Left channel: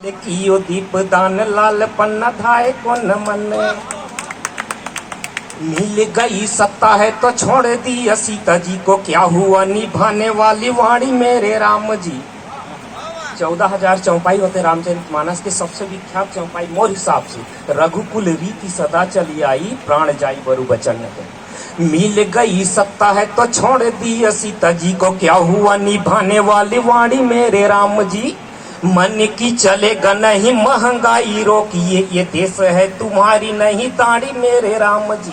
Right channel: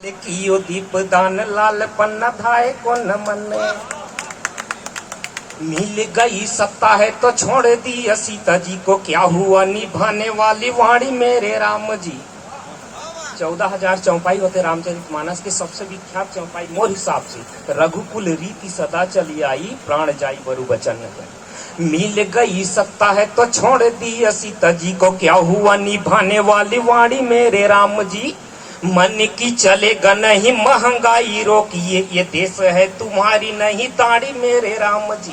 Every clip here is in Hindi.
देखियो दीपदान लाल पन्ना धाए को न मन मिल गई सत्ता है तो छोड़ दी सीता जी को, क्या हुआ निभाने वाली वाणी मेरे राम जी। 14,000 चौपाई होते रामचरितमानस के। सबसे विख्यात चौपाई मोर हिसाब से रघुकुल रीति सदा चली आई, प्राण जाई बरु बचन गए। मिल गई सत्ता है तो छोड़ दी सीता जी को, क्या हुआ निभाने वाली वाणी मेरे राम जी। मन की चलेगा नहीं महंगाई रोकिए, ये देश है तुम्हारी नहीं दाढ़ी मेरे राम जी।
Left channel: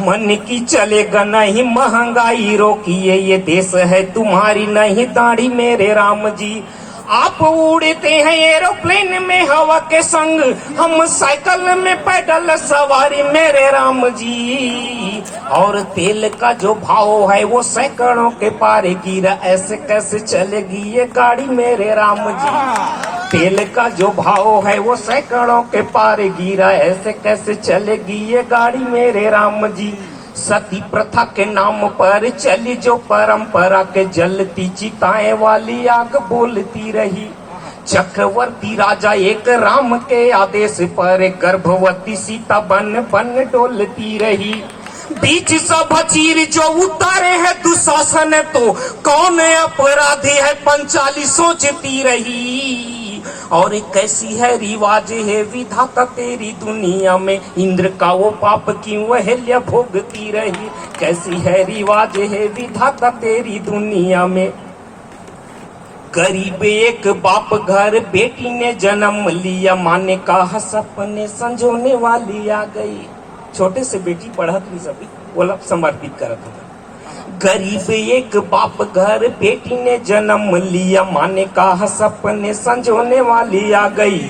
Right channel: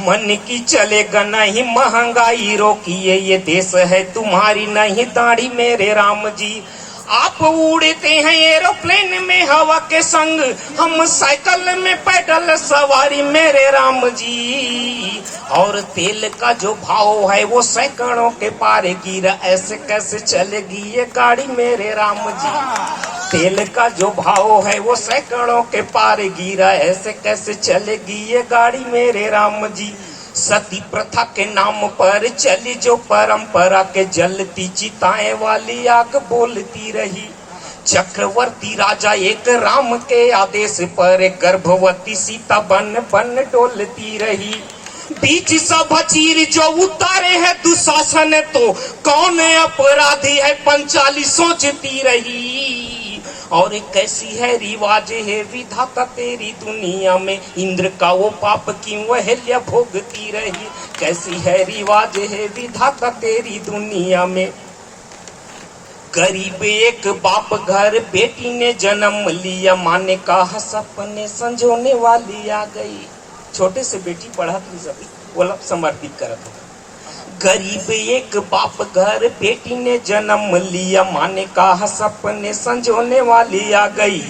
मन की चलेगा नहीं महंगाई रोकिए, ये देश है तुम्हारी नहीं दाढ़ी मेरे राम जी। आप उड़ते हैं एरोप्लेन में हवा के संग, हम साइकिल में पैदल सवारी मेरे राम जी। और तेल का जो भाव है वो सैकड़ों के पार गिरा, ऐसे कैसे चलेगी ये गाड़ी मेरे राम जी। तेल का जो भाव है वो सैकड़ों के पार गिरा, ऐसे कैसे चलेगी ये गाड़ी मेरे राम जी। सती प्रथा के नाम पर चली जो परंपरा के, जलती चिताएं वाली आग बोलती रही। चक्रवर्ती राजा एक राम के आदेश पर गर्भवती सीता बन बन डोलती रही। बीच सभा चीर जो उतारे है दुशासन, तो कौन अपराधी है पंचाली सोचती रही। और कैसी है रिवाज है विधाता तेरी दुनिया में, इंद्र का वो पाप क्यों अहल्या भोगती रही। कैसी है रिवाज है विधाता तेरी दुनिया में। गरीब एक बाप घर बेटी ने जन्म लिया, माने कहा सपने संजोने वाली आ गई। छोटे से बेटी पढ़त नहीं सभी वो समर्पित करत हो। गरीब एक बाप घर बेटी ने जन्म लिया, माने कहा सपने संजोने वाली आ गई।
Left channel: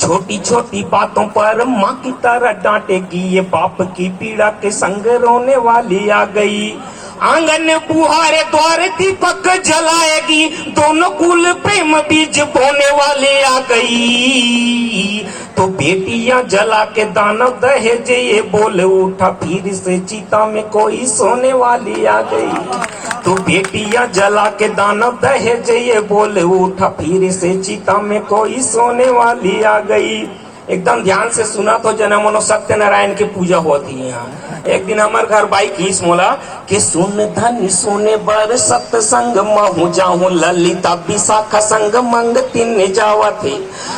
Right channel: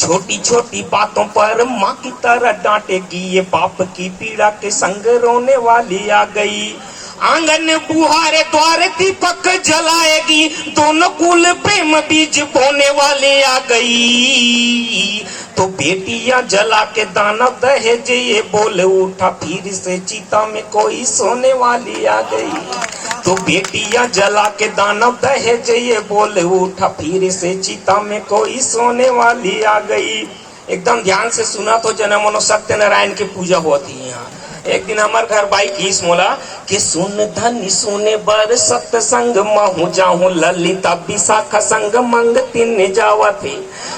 छोटी छोटी बातों पर माँ की तरह डांटेगी, ये बाप की पीड़ा के संग रोने वाली आ गई। आंगन बुहारे द्वार दीपक जलाएगी, दोनों कुल प्रेम बीज बोने वाले आ गई। तो बेटियां जला के दाना दहेज ये बोल उठा, फिर से चिता में कोई सोने वाली आ गई। तो बेटियां जला के दाना दहेज ये बोल उठा, फिर से चिता में कोई सोने वाली आ गई। एकदम ध्यान से सुना तो जनमनो सत्यनारायण की पूजा होती है यहाँ। एक दिन हमारे घर बाई खीस बोला कि सुन धन सुने बर सत्संग महू जाऊं, ललिता विशाखा संग मंग तीन जावा थे।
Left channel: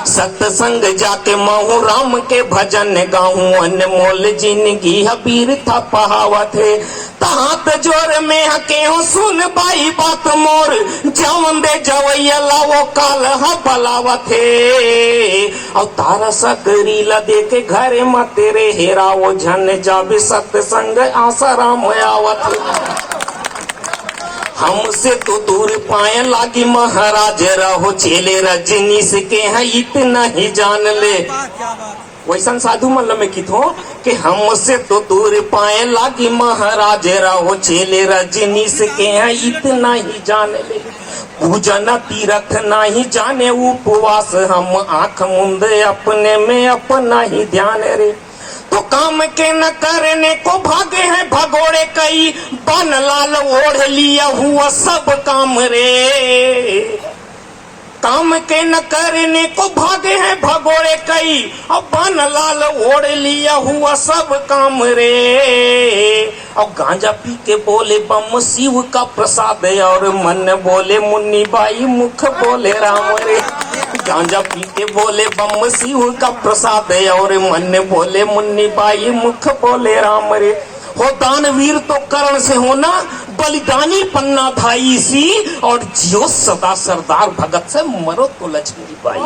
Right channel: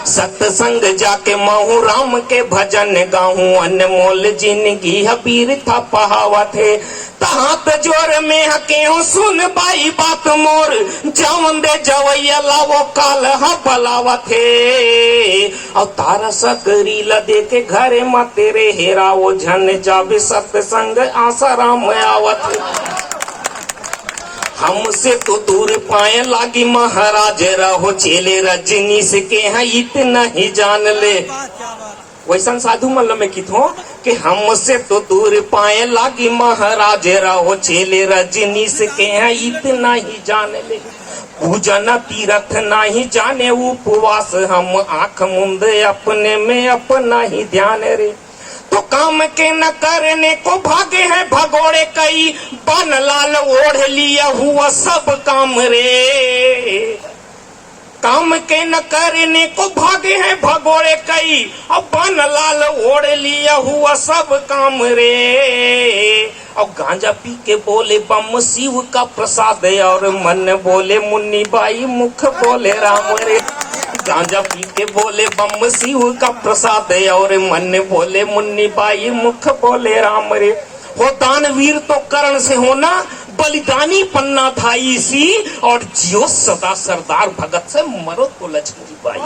सत्संग जाके महू राम के भजन गाऊं, अनमोल जिंदगी हबीर था पहावा थे। तहात जोर में हके हो सुन बाई बात मोर, जवन दे जवैया लावो काल बलावा थे। और तारा सकरी ला देखे घरे मा तेरे हेरावो, झन जावे सत्संग आशा राम आवत। हमसे तो दूर पाए लागी महाराज रहो, चेले रजनीश के हैं इतना ही जान ले। वैसा साधु मल्ल में कित हो कि हमसे तो दूर पाए लागी महाराज रहो, चेले रजनीश के हैं इतना ही जान ले। पूजन तीरथ नहीं जाने उपवास, हम आंख मुंद अपने में अपना ही ध्यान रे। तो काम के न करने को भागे है भगोड़े कई, बन लाल ओढ़ लिया हुआ सब काम रे। काम के न करने को भागे हैं भगोड़े कई, अब बन लाल ओढ़ लिया हुआ सब काम रे। और गांजा पी के बोले बम शिव का प्रसाद, और मन बोले मुन्नी बाई मुख बोले राम रे। गांजा पी के बोले बम शिव का प्रसाद, और मन बोले मुन्नी बाई मुख बोले राम रे। हो दानवीर तो करण से होना, बलिदानी पन्ना धाई सी, और जियो सदा सरदार भगत से मरो तो लक्ष्मी बाई।